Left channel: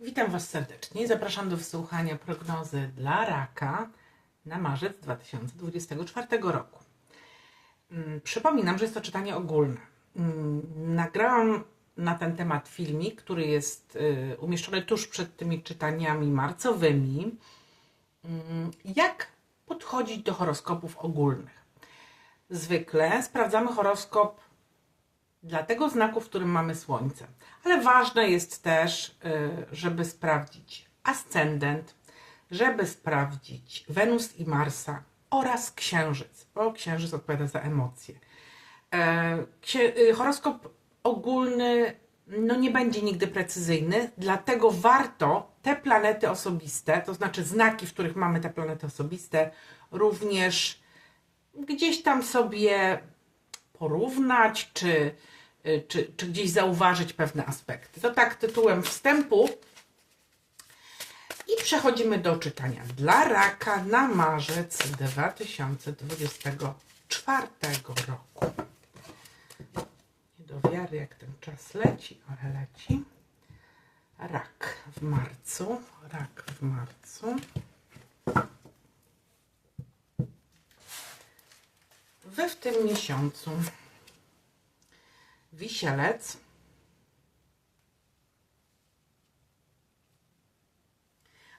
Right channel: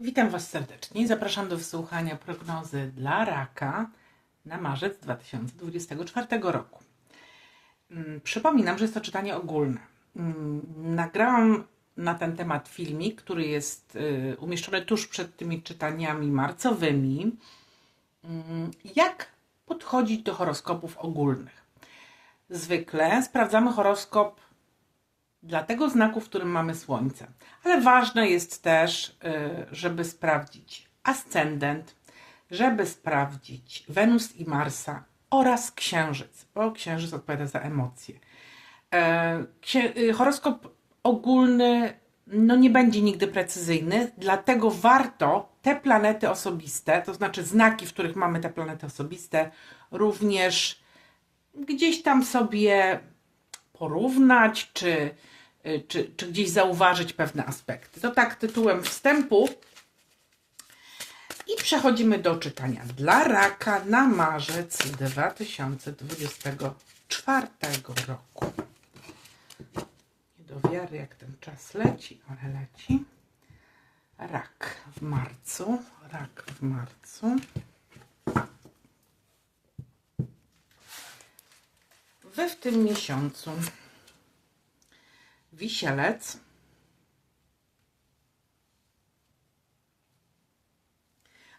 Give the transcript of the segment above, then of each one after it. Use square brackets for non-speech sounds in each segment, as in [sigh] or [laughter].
Witam Was serdecznie i zapraszam do wysłuchania prognozy dla raka na marzec 2024 roku. Mm, Przypominam, że jest to czytanie ogólne. Mm, Nagrałam na ten temat filmik, który jest y, umieszczony tuż przed tymi czytaniami marcowymi. Mm, Jak podchodzić do horoskopów ogólnych? Zwykle sprawdzamy horoskop dla tego znaku, w którym mamy Słońce. Ale ważne jest też, y, żeby sprawdzić ascendent, żeby sprawdzić Wenus i Marsa oraz Księżyc, bo Księżyc odpowiada za emocje. E, y, Horoskop ogólny no nie będzie nigdy precyzyjny, dlatego warto te planety osobiste, to znaczy znaki, w których mamy te planety osobiste, również gdzieś tam sobie porównać, czy, czy, czy gdzieś zauważyć pewne aspekty. To tak tytułem wstępu. I przechodzimy do czytania dla raka na marzec 2024 roku. Nie do wiary, jak ten czas leci, ale leci. Rak w marcu. Rak w marcu. Wy w tym miesiącu. Wisielec.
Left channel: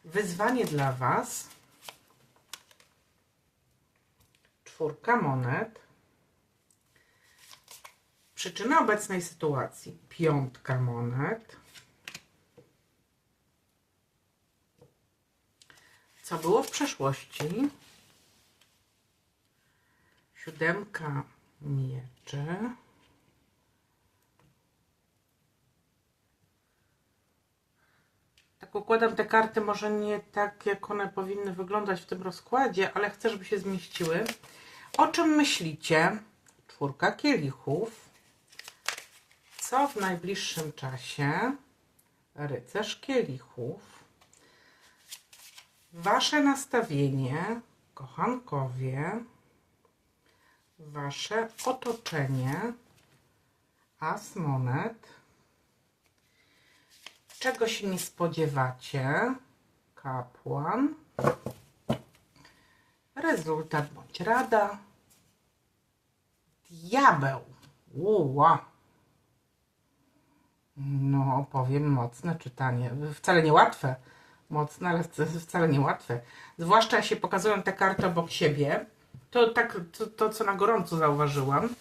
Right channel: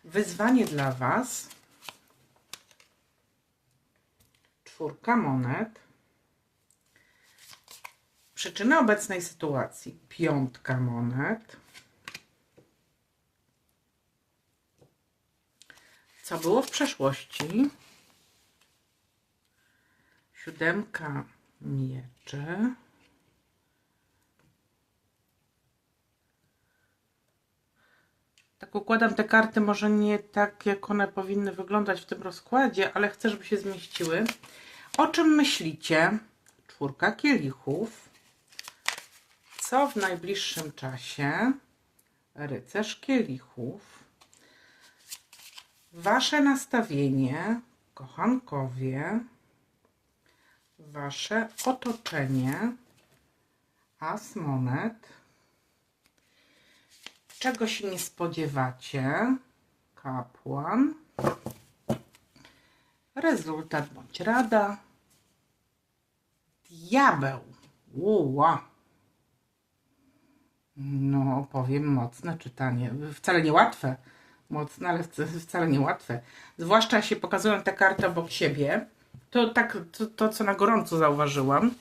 Wyzwanie dla Was. Czwórka monet. Przyczyna obecnej sytuacji. Piątka monet. Co było w przeszłości? Siódemka mieczy. Układam te karty, może nie tak, jak one powinny wyglądać w tym rozkładzie, ale chcę, żeby się zmieściły. O czym myślicie? Czwórka kielichów. Co w najbliższym czasie? Rycerz kielichów. Wasze nastawienie, kochankowie wasze otoczenie, as monet, czego się nie spodziewacie, kapłan, rezultat bądź rada, diabeł, uła. No, powiem mocne czytanie. Wcale nie łatwe. Mocne, ale wc- wcale nie łatwe. Zwłaszcza się pokazują te karty obok siebie. To tak, to, to co na gorąco zauważyłam.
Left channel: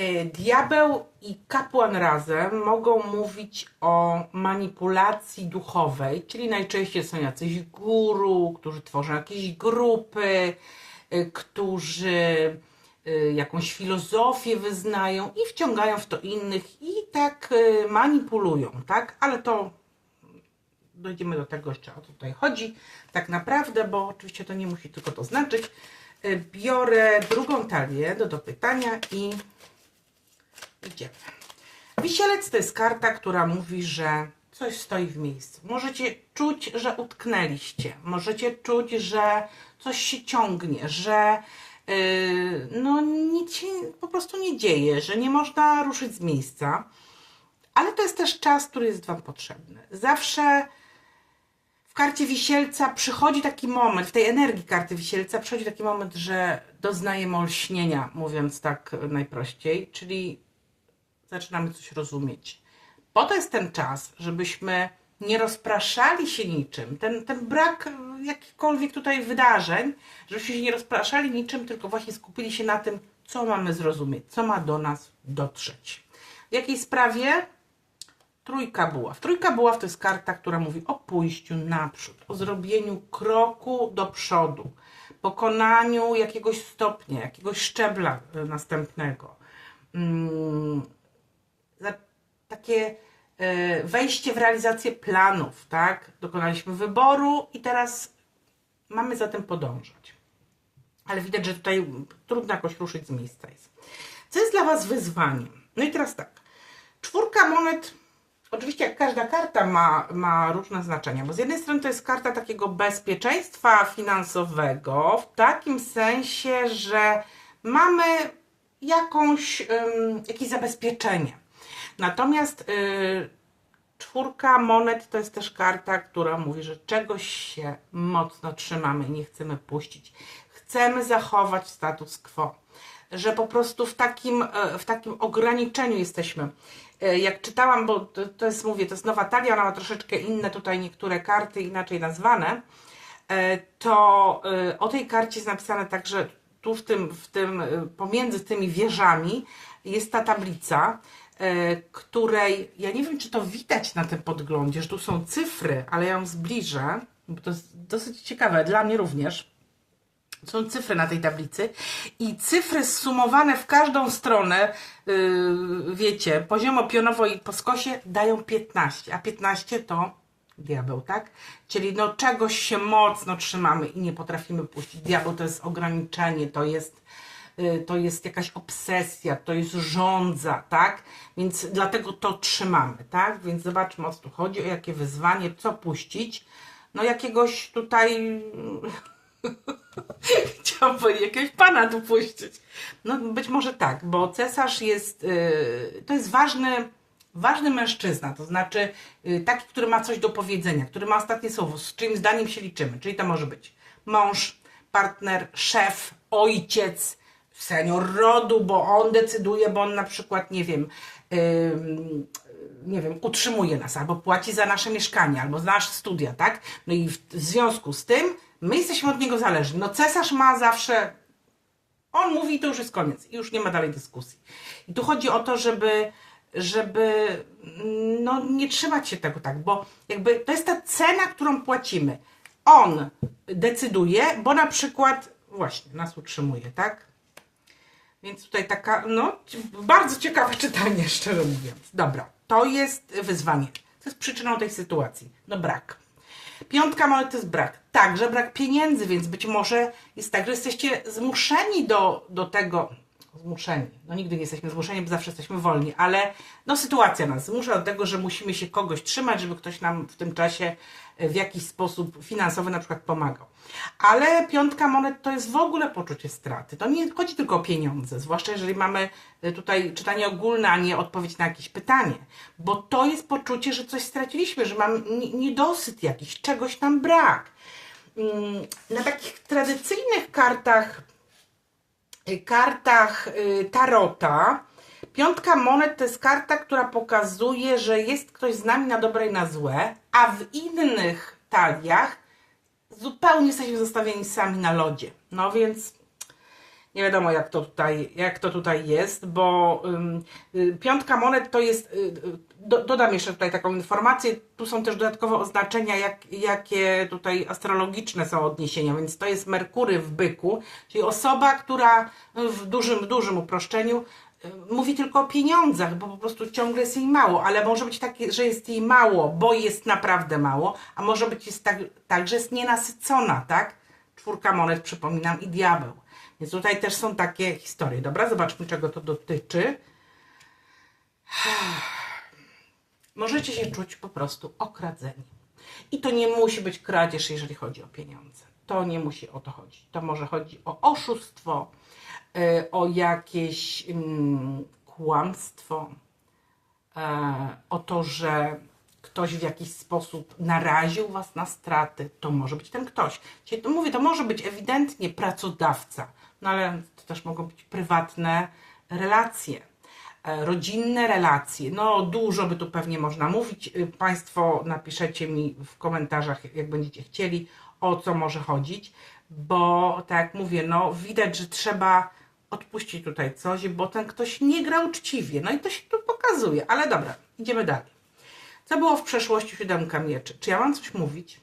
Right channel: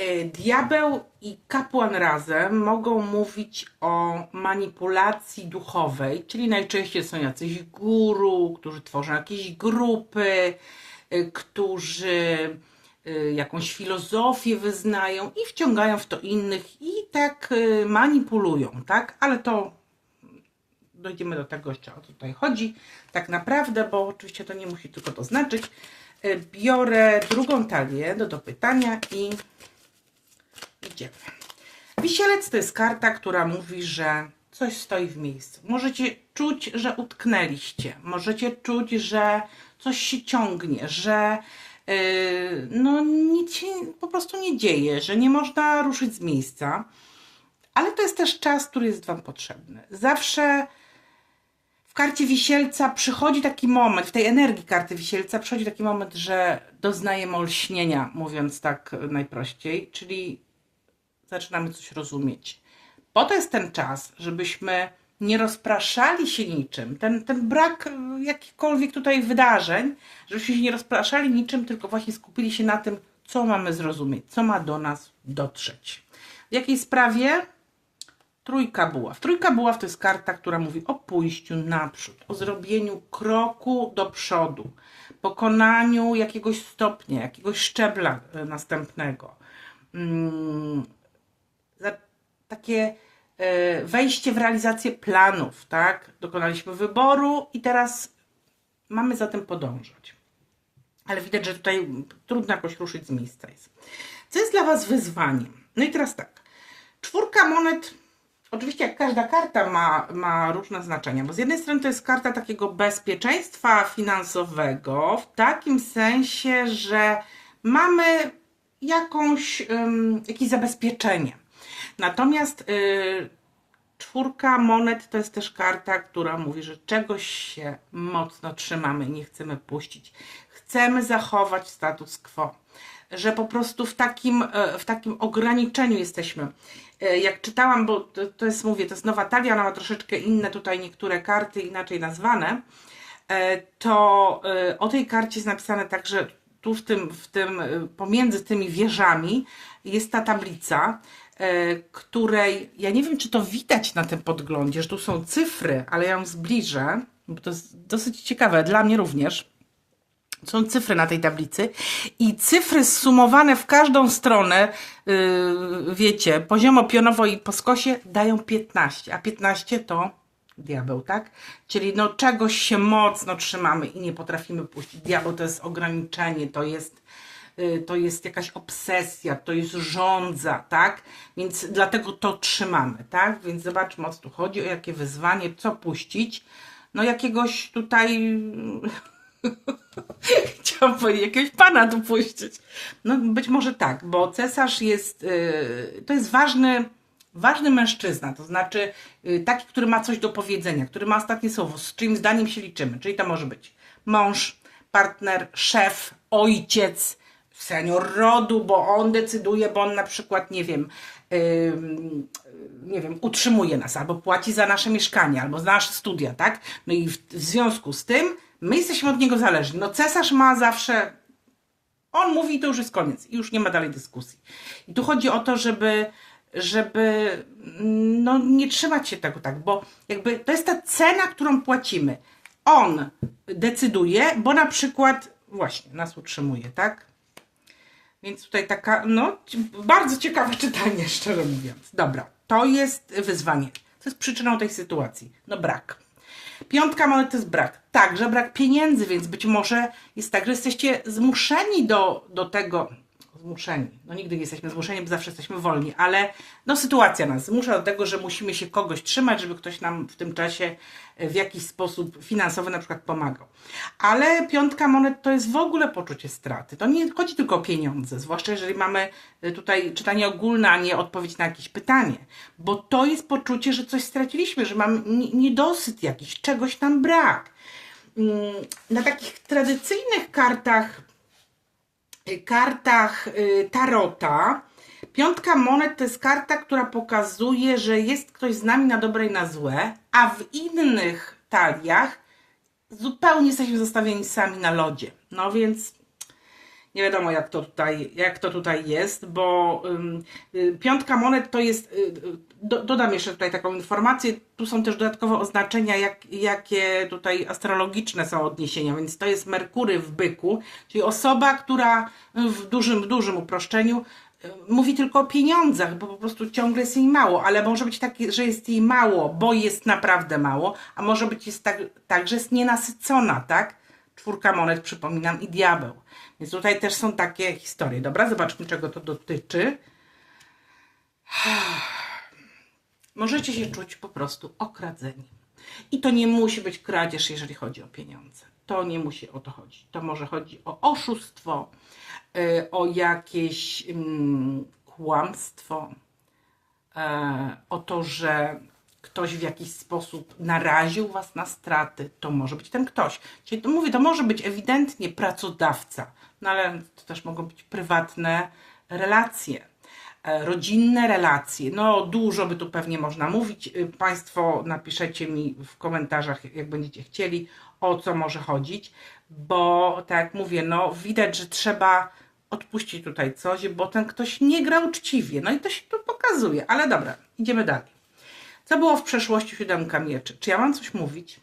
E, Diabeł i kapłan razem mogą mówić o manipulacji duchowej, czyli najczęściej są jacyś guru, którzy tworzą jakieś grupy, e, którzy e, jakąś filozofię wyznają i wciągają w to innych i tak manipulują, tak? Ale to dojdziemy do tego jeszcze o co tutaj chodzi tak naprawdę, bo oczywiście to nie musi tylko to znaczyć. Biorę drugą talię do dopytania i idziemy. Wisielec to jest karta, która mówi, że coś stoi w miejscu. Możecie czuć, że utknęliście. Możecie czuć, że coś się ciągnie, że yy, no nic się po prostu nie dzieje, że nie można ruszyć z miejsca. Ale to jest też czas, który jest Wam potrzebny. Zawsze w karcie wisielca przychodzi taki moment, w tej energii karty wisielca przychodzi taki moment, że doznajemy olśnienia, mówiąc tak najprościej, czyli zaczynamy coś rozumieć. Po to jest ten czas, żebyśmy nie rozpraszali się niczym. Ten, ten brak jakichkolwiek tutaj wydarzeń, żebyśmy się nie rozpraszali niczym, tylko właśnie skupili się na tym, co mamy zrozumieć, co ma do nas dotrzeć. W jakiej sprawie? Trójka buław. Trójka buław to jest karta, która mówi o pójściu naprzód, o zrobieniu kroku do przodu, pokonaniu jakiegoś stopnia, jakiegoś szczebla e, następnego. Mm, za takie e, wejście w realizację planów, tak? Dokonaliśmy wyboru i teraz mamy za tym podążać. Ale widać, że tutaj trudno jakoś ruszyć z miejsca jest. Co jest dla Was wyzwaniem? No i teraz tak. Czwórka monet Oczywiście, jak każda karta ma, ma różne znaczenia, bo z jednej strony to jest karta takiego bezpieczeństwa finansowego, w takim sensie, że mamy jakąś, ym, jakieś zabezpieczenie. Natomiast y, Czwórka monet to jest też karta, która mówi, że czegoś się mocno trzymamy nie chcemy puścić. Chcemy zachować status quo. Że po prostu w takim, e, w takim ograniczeniu jesteśmy. E, Jak czytałam, bo to, to jest, mówię, to jest nowa talia, ona ma troszeczkę inne tutaj niektóre karty inaczej nazwane, e, to o tej karcie jest napisane tak, że tu w tym, w tym, pomiędzy tymi wieżami jest ta tablica, której ja nie wiem, czy to widać na tym podglądzie, że tu są cyfry, ale ja ją zbliżę, bo to jest dosyć ciekawe, dla mnie również. Są cyfry na tej tablicy i cyfry zsumowane w każdą stronę, yy, wiecie, poziomo pionowo i po skosie dają 15, a 15 to diabeł, tak? Czyli no czegoś się mocno trzymamy i nie potrafimy puścić. Diabeł to jest ograniczenie, to jest y, to jest jakaś obsesja, to jest żądza, tak? Więc dlatego to trzymamy, tak? Więc zobaczmy o co tu chodzi, o jakie wyzwanie, co puścić. No jakiegoś tutaj [laughs] Chciałam powiedzieć, jakiegoś pana tu puścić. No być może tak, bo cesarz jest, y, to jest ważny, ważny mężczyzna, to znaczy y, taki, który ma coś do powiedzenia, który ma ostatnie słowo, z czyim zdaniem się liczymy, czyli to może być mąż, partner, szef, ojciec, senior rodu, bo on decyduje, bo on na przykład, nie wiem, nie wiem, utrzymuje nas, albo płaci za nasze mieszkanie, albo za nasze studia, tak? No i w związku z tym my jesteśmy od niego zależni. No cesarz ma zawsze, on mówi i to już jest koniec i już nie ma dalej dyskusji. I tu chodzi o to, żeby, żeby no, nie trzymać się tego tak, bo jakby to jest ta cena, którą płacimy. On decyduje, bo na przykład właśnie nas utrzymuje, tak? Więc tutaj taka, no, bardzo ciekawe [laughs] czytanie, szczerze mówiąc. Dobra, to jest wyzwanie. Co jest przyczyną tej sytuacji? No brak. Piątka monet to jest brak. Także brak pieniędzy, więc być może jest tak, że jesteście zmuszeni do, do tego. Zmuszeni. No nigdy nie jesteśmy zmuszeni, bo zawsze jesteśmy wolni, ale no sytuacja nas zmusza do tego, że musimy się kogoś trzymać, żeby ktoś nam w tym czasie e, w jakiś sposób finansowy na przykład pomagał. Ale piątka monet to jest w ogóle poczucie straty. To nie chodzi tylko o pieniądze, zwłaszcza jeżeli mamy e, tutaj czytanie ogólne, a nie odpowiedź na jakieś pytanie, bo to jest poczucie, że coś straciliśmy, że mamy nie- niedosyt jakiś, czegoś nam brak. Mm, Na takich tradycyjnych kartach kartach y, tarota. Piątka monet to jest karta, która pokazuje, że jest ktoś z nami na dobre i na złe, a w innych taliach zupełnie jesteśmy zostawieni sami na lodzie. No więc nie wiadomo jak to tutaj, jak to tutaj jest, bo y, piątka monet to jest, y, y, do, dodam jeszcze tutaj taką informację, tu są też dodatkowe oznaczenia, jak, jakie tutaj astrologiczne są odniesienia, więc to jest Merkury w byku, czyli osoba, która w dużym, dużym uproszczeniu mówi tylko o pieniądzach, bo po prostu ciągle jest jej mało, ale może być takie, że jest jej mało, bo jest naprawdę mało, a może być jest tak, tak że jest nienasycona, tak? Czwórka monet, przypominam, i diabeł. Więc tutaj też są takie historie. Dobra, zobaczmy, czego to dotyczy. [sighs] Możecie się czuć po prostu okradzeni. I to nie musi być kradzież, jeżeli chodzi o pieniądze. To nie musi o to chodzić. To może chodzi o oszustwo, y, o jakieś mm, kłamstwo, e, o to, że ktoś w jakiś sposób naraził was na straty, to może być ten ktoś. Czyli to mówię, to może być ewidentnie pracodawca, no ale to też mogą być prywatne relacje, e, rodzinne relacje. No dużo by tu pewnie można mówić. Y, Państwo napiszecie mi w komentarzach, jak będziecie chcieli, o co może chodzić, bo tak jak mówię, no widać, że trzeba odpuścić tutaj coś, bo ten ktoś nie gra uczciwie. No i to się tu pokazuje, ale dobra, idziemy dalej. Co było w przeszłości siódemka mieczy? Czy ja mam coś mówić?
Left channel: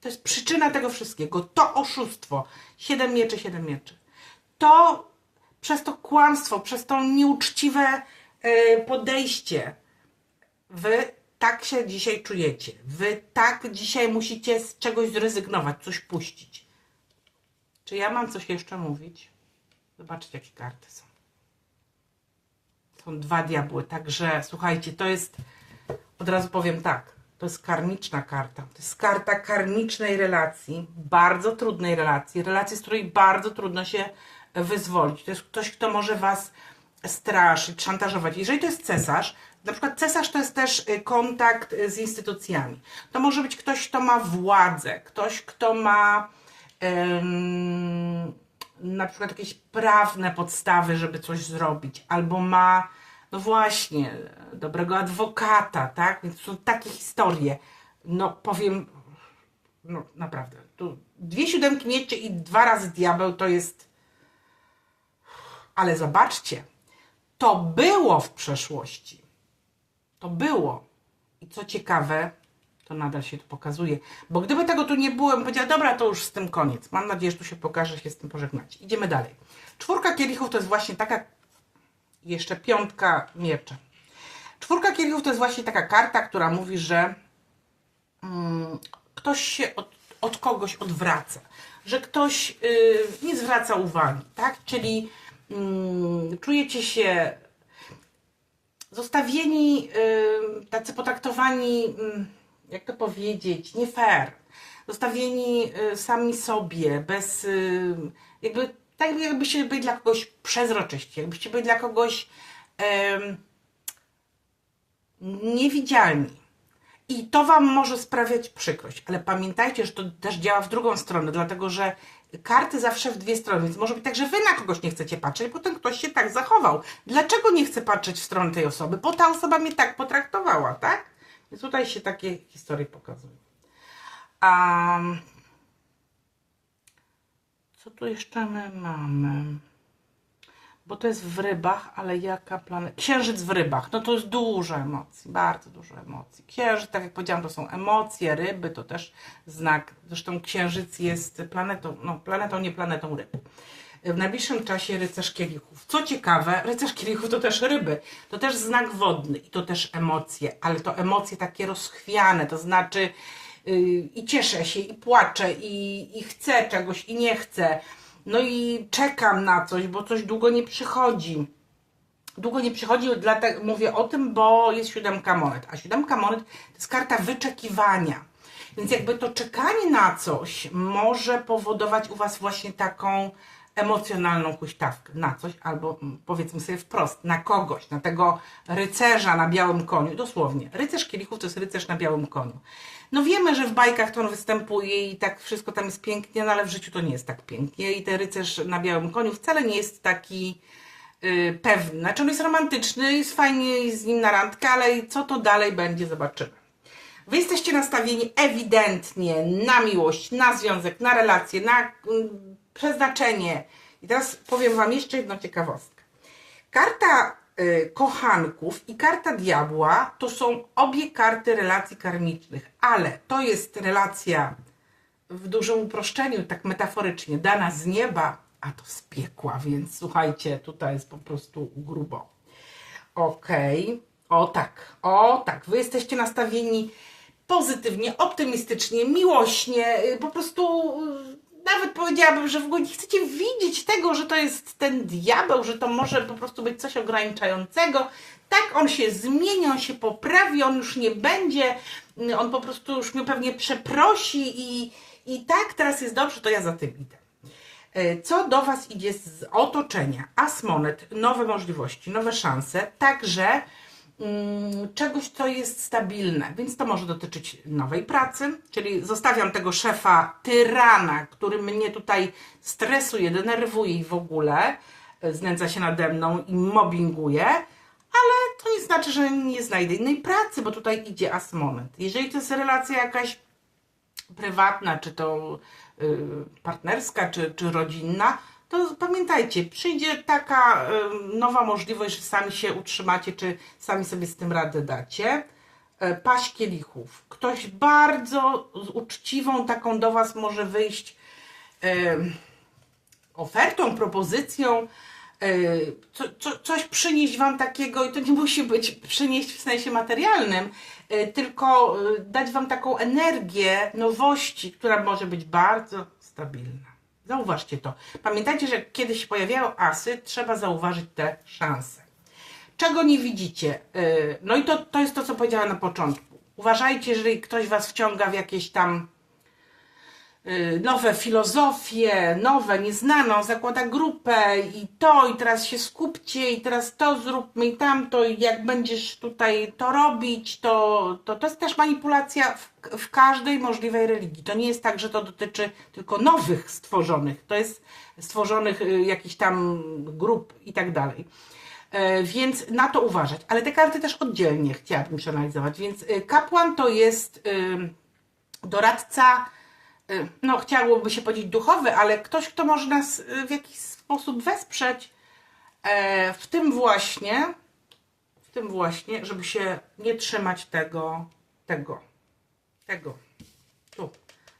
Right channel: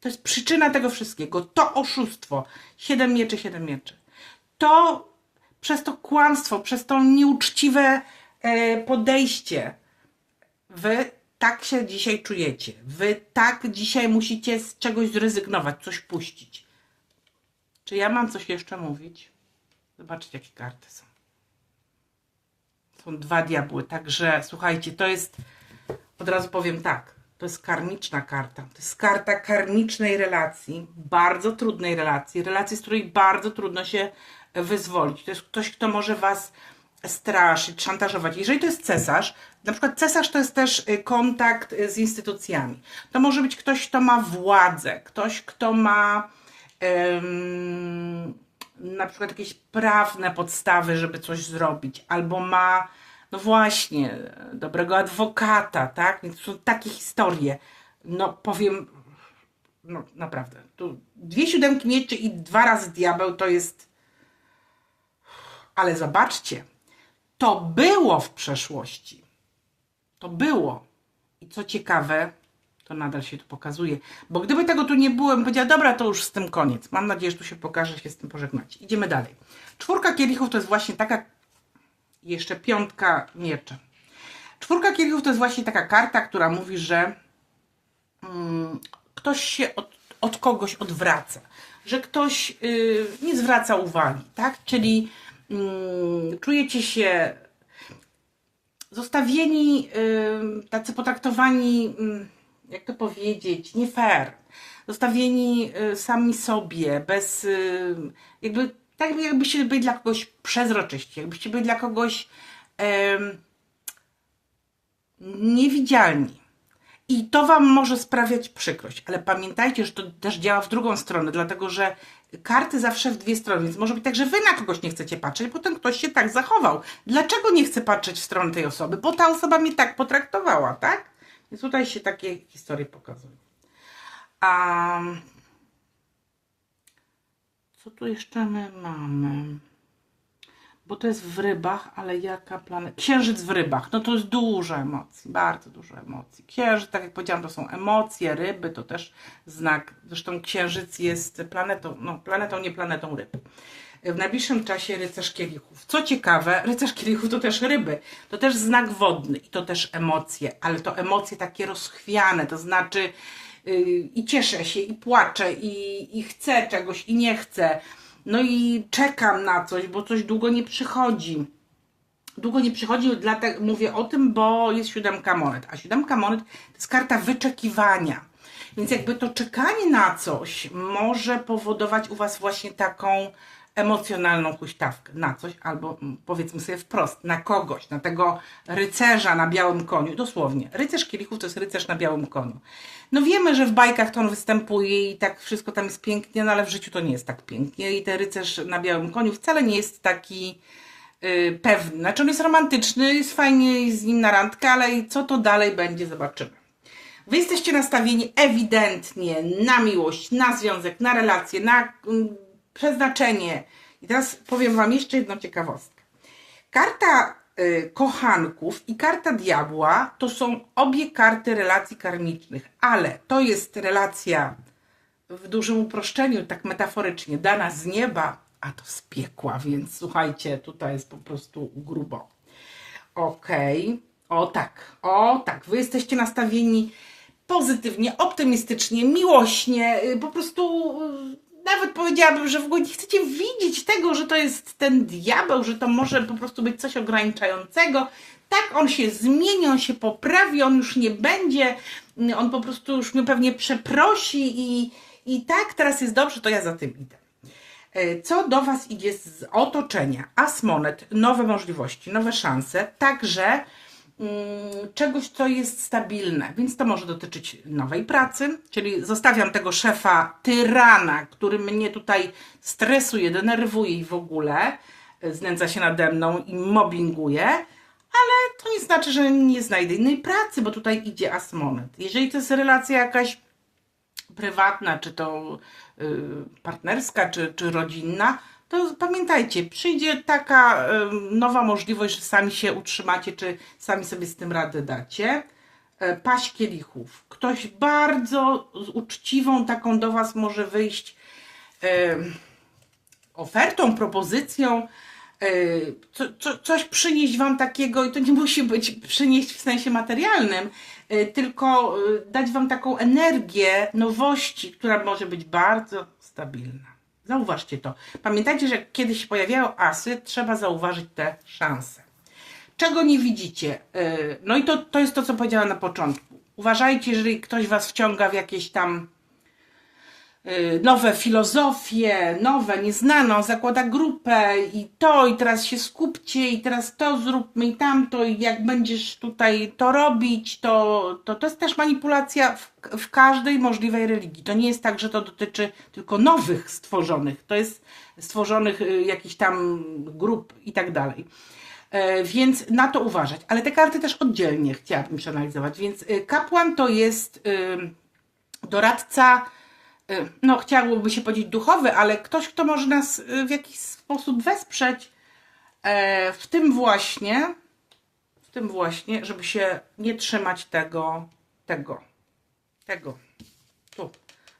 To jest przyczyna tego wszystkiego. To oszustwo. Siedem mieczy, siedem mieczy. To przez to kłamstwo, przez to nieuczciwe e, podejście. Wy tak się dzisiaj czujecie. Wy tak dzisiaj musicie z czegoś zrezygnować, coś puścić. Czy ja mam coś jeszcze mówić? Zobaczcie, jakie karty są. Są dwa diabły, także słuchajcie, to jest od razu powiem tak, to jest karmiczna karta. To jest karta karmicznej relacji, bardzo trudnej relacji, relacji, z której bardzo trudno się wyzwolić. To jest ktoś, kto może was straszyć, szantażować. Jeżeli to jest cesarz, Na przykład cesarz to jest też y, kontakt y, z instytucjami. To może być ktoś, kto ma władzę, ktoś, kto ma em, na przykład jakieś prawne podstawy, żeby coś zrobić, albo ma, no właśnie, dobrego adwokata, tak? Więc są takie historie. No powiem, no naprawdę, tu dwie siódemki mieczy i dwa razy diabeł to jest. Ale zobaczcie, to było w przeszłości. To było. I co ciekawe, to nadal się tu pokazuje. Bo gdyby tego tu nie było, bym powiedziała, dobra, to już z tym koniec. Mam nadzieję, że tu się pokaże, że się z tym pożegnacie. Idziemy dalej. Czwórka kielichów to jest właśnie taka, jeszcze piątka miecza. Czwórka kielichów to jest właśnie taka karta, która mówi, że mm, ktoś się od, od kogoś odwraca, że ktoś y, nie zwraca uwagi, tak? Czyli mm, czujecie się zostawieni, y, tacy potraktowani, y, jak to powiedzieć, nie fair. Zostawieni y, sami sobie, bez y, jakby, tak jakbyście byli dla kogoś przezroczyści, jakbyście byli dla kogoś em, niewidzialni. I to Wam może sprawiać przykrość, ale pamiętajcie, że to też działa w drugą stronę, dlatego że karty zawsze w dwie strony, więc może być tak, że Wy na kogoś nie chcecie patrzeć, potem ktoś się tak zachował. Dlaczego nie chcę patrzeć w stronę tej osoby? Bo ta osoba mnie tak potraktowała, tak? Więc tutaj się takie historie pokazują. A co tu jeszcze my mamy? Bo to jest w rybach, ale jaka planeta? Księżyc w rybach. No to jest dużo emocji, bardzo dużo emocji. Księżyc, tak jak powiedziałam, to są emocje, ryby to też znak. Zresztą księżyc jest planetą, no planetą, nie planetą ryb. W najbliższym czasie rycerz kielichów. Co ciekawe, rycerz kielichów to też ryby. To też znak wodny i to też emocje, ale to emocje takie rozchwiane, to znaczy i cieszę się, i płaczę, i, i chcę czegoś, i nie chcę. No i czekam na coś, bo coś długo nie przychodzi. Długo nie przychodzi, dlatego mówię o tym, bo jest siódemka monet. A siódemka monet to jest karta wyczekiwania. Więc jakby to czekanie na coś może powodować u Was właśnie taką emocjonalną huśtawkę na coś, albo mm, powiedzmy sobie wprost, na kogoś, na tego rycerza na białym koniu, dosłownie. Rycerz kielichów to jest rycerz na białym koniu. No wiemy, że w bajkach to on występuje i tak wszystko tam jest pięknie, no ale w życiu to nie jest tak pięknie i ten rycerz na białym koniu wcale nie jest taki yy, pewny. Znaczy on jest romantyczny, jest fajnie jest z nim na randkę, ale co to dalej będzie, zobaczymy. Wy jesteście nastawieni ewidentnie na miłość, na związek, na relacje, na mm, przeznaczenie. I teraz powiem Wam jeszcze jedną ciekawostkę. Karta y, kochanków i karta diabła to są obie karty relacji karmicznych, ale to jest relacja w dużym uproszczeniu, tak metaforycznie, dana z nieba, a to z piekła, więc słuchajcie, tutaj jest po prostu grubo. Okej, o tak, o tak, wy jesteście nastawieni pozytywnie, optymistycznie, miłośnie, y, po prostu y, nawet powiedziałabym, że w ogóle nie chcecie widzieć tego, że to jest ten diabeł, że to może po prostu być coś ograniczającego. Tak, on się zmieni, on się poprawi, on już nie będzie, y, on po prostu już mnie pewnie przeprosi i, i tak, teraz jest dobrze, to ja za tym idę. E, Co do Was idzie z otoczenia? As monet, nowe możliwości, nowe szanse, także mm, czegoś, co jest stabilne, więc to może dotyczyć nowej pracy, czyli zostawiam tego szefa tyrana, który mnie tutaj stresuje, denerwuje i w ogóle. Znęca się nade mną i mobbinguje, ale to nie znaczy, że nie znajdę innej pracy, bo tutaj idzie as monet. Jeżeli to jest relacja jakaś prywatna, czy to y, partnerska, czy, czy rodzinna, to pamiętajcie, przyjdzie taka nowa możliwość, że sami się utrzymacie, czy sami sobie z tym radę dacie. E, Paść kielichów. Ktoś bardzo z uczciwą taką do Was może wyjść ofertą, propozycją, e, co, co, coś przynieść Wam takiego, i to nie [laughs] musi być przynieść w sensie materialnym, e, tylko dać Wam taką energię nowości, która może być bardzo stabilna. Zauważcie to. Pamiętajcie, że kiedy się pojawiają asy, trzeba zauważyć te szanse. Czego nie widzicie? E, No i to, to jest to, co powiedziałam na początku. Uważajcie, jeżeli ktoś Was wciąga w jakieś tam y, nowe filozofie, nowe, nieznane, on zakłada grupę i to, i teraz się skupcie, i teraz to zróbmy, i tamto, i jak będziesz tutaj to robić, to to, to jest też manipulacja w, w każdej możliwej religii. To nie jest tak, że to dotyczy tylko nowych stworzonych, to jest stworzonych y, jakichś tam grup i tak dalej. E, Więc na to uważać. Ale te karty też oddzielnie chciałabym przeanalizować. Więc y, kapłan to jest y, doradca, y, no chciałoby się powiedzieć duchowy, ale ktoś, kto może nas y, w jakiś sposób wesprzeć e, w tym właśnie, w tym właśnie, żeby się nie trzymać tego, tego, tego, tu,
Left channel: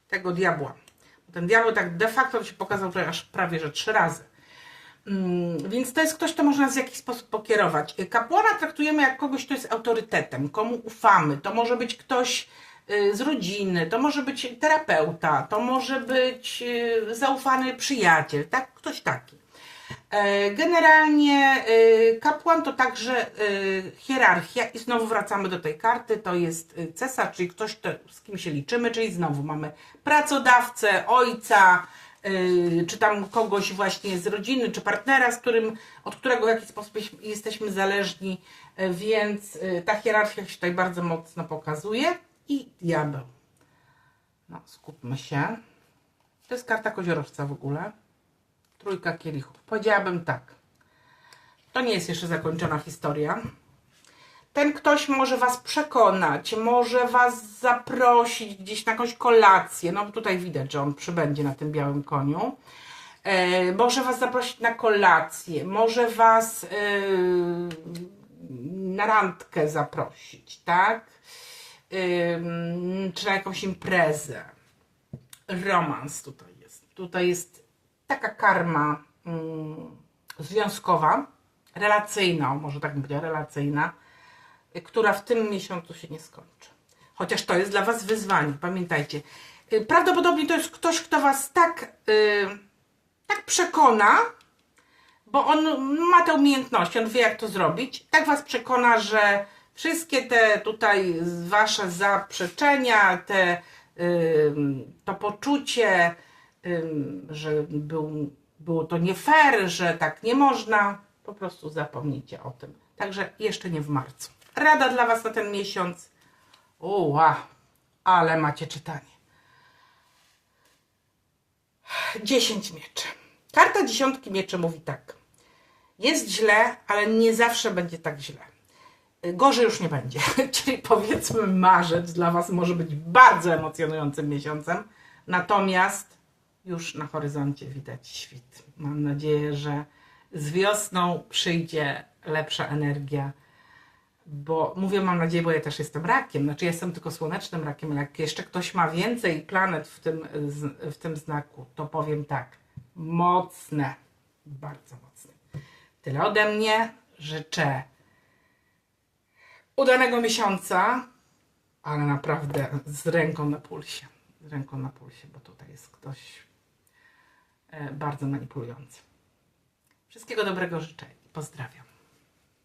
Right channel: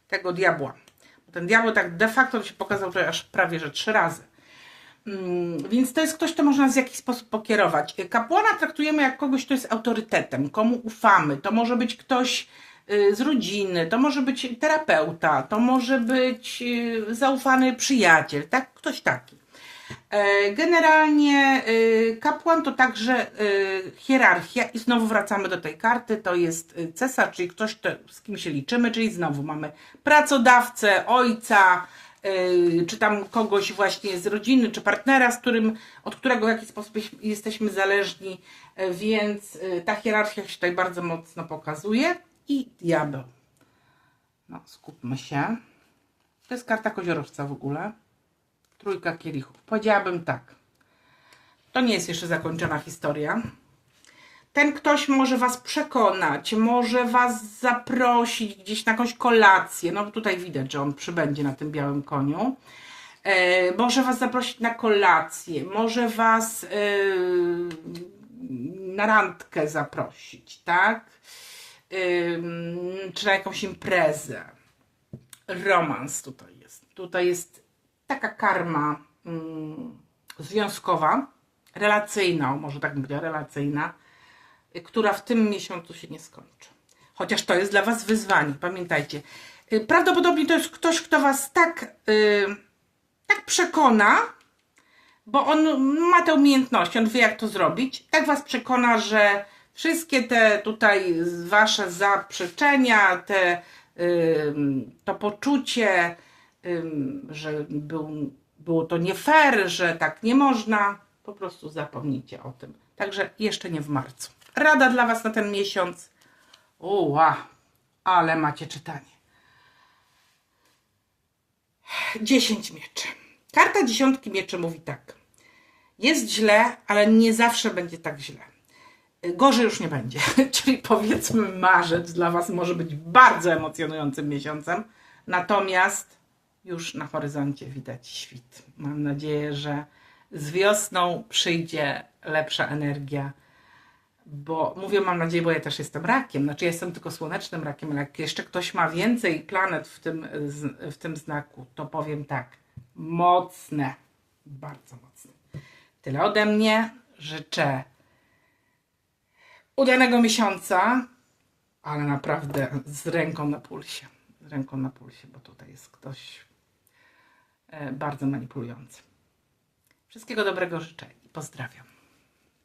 tego diabła. Bo ten diabeł tak de facto się pokazał tutaj aż prawie, że trzy razy. Mm, Więc to jest ktoś, kto może nas w jakiś sposób pokierować. Kapłana traktujemy jak kogoś, kto jest autorytetem, komu ufamy. To może być ktoś y, z rodziny, to może być terapeuta, to może być y, zaufany przyjaciel, tak? Ktoś taki. E, Generalnie y, kapłan to także y, hierarchia i znowu wracamy do tej karty, to jest y, cesarz, czyli ktoś, kto, z kim się liczymy, czyli znowu mamy pracodawcę, ojca, y, czy tam kogoś właśnie z rodziny, czy partnera, z którym, od którego w jakiś sposób jesteśmy zależni, y, więc y, ta hierarchia się tutaj bardzo mocno pokazuje i diabeł. No, skupmy się. To jest karta koziorożca w ogóle. Trójka kielichów. Powiedziałabym tak. To nie jest jeszcze zakończona historia. Ten ktoś może Was przekonać, może Was zaprosić gdzieś na jakąś kolację. No tutaj widać, że on przybędzie na tym białym koniu. E, może Was zaprosić na kolację, może Was e, na randkę zaprosić, tak? Czy na jakąś imprezę. Romans tutaj jest. Tutaj jest taka karma mm, związkowa, relacyjna, może tak powiedziała, relacyjna, która w tym miesiącu się nie skończy. Chociaż to jest dla Was wyzwanie, pamiętajcie. Y, Prawdopodobnie to jest ktoś, kto Was tak, y, tak przekona, bo on ma te umiejętności, on wie jak to zrobić, tak Was przekona, że wszystkie te tutaj Wasze zaprzeczenia, te, to poczucie, że był, było to nie fair, że tak nie można, po prostu zapomnijcie o tym. Także jeszcze nie w marcu. Rada dla Was na ten miesiąc. Uła, ale macie czytanie. 10 mieczy. Karta dziesiątki mieczy mówi tak. Jest źle, ale nie zawsze będzie tak źle. Gorzej już nie będzie. [laughs] Czyli powiedzmy, marzec dla Was może być bardzo emocjonującym miesiącem. Natomiast już na horyzoncie widać świt. Mam nadzieję, że z wiosną przyjdzie lepsza energia. Bo mówię, mam nadzieję, bo ja też jestem rakiem. Znaczy, ja jestem tylko słonecznym rakiem, ale jak jeszcze ktoś ma więcej planet w tym, w tym znaku, to powiem tak. Mocne. Bardzo mocne. Tyle ode mnie. Życzę udanego miesiąca, ale naprawdę z ręką na pulsie. Z ręką na pulsie, bo tutaj jest ktoś e, bardzo manipulujący. Wszystkiego dobrego życzę i pozdrawiam.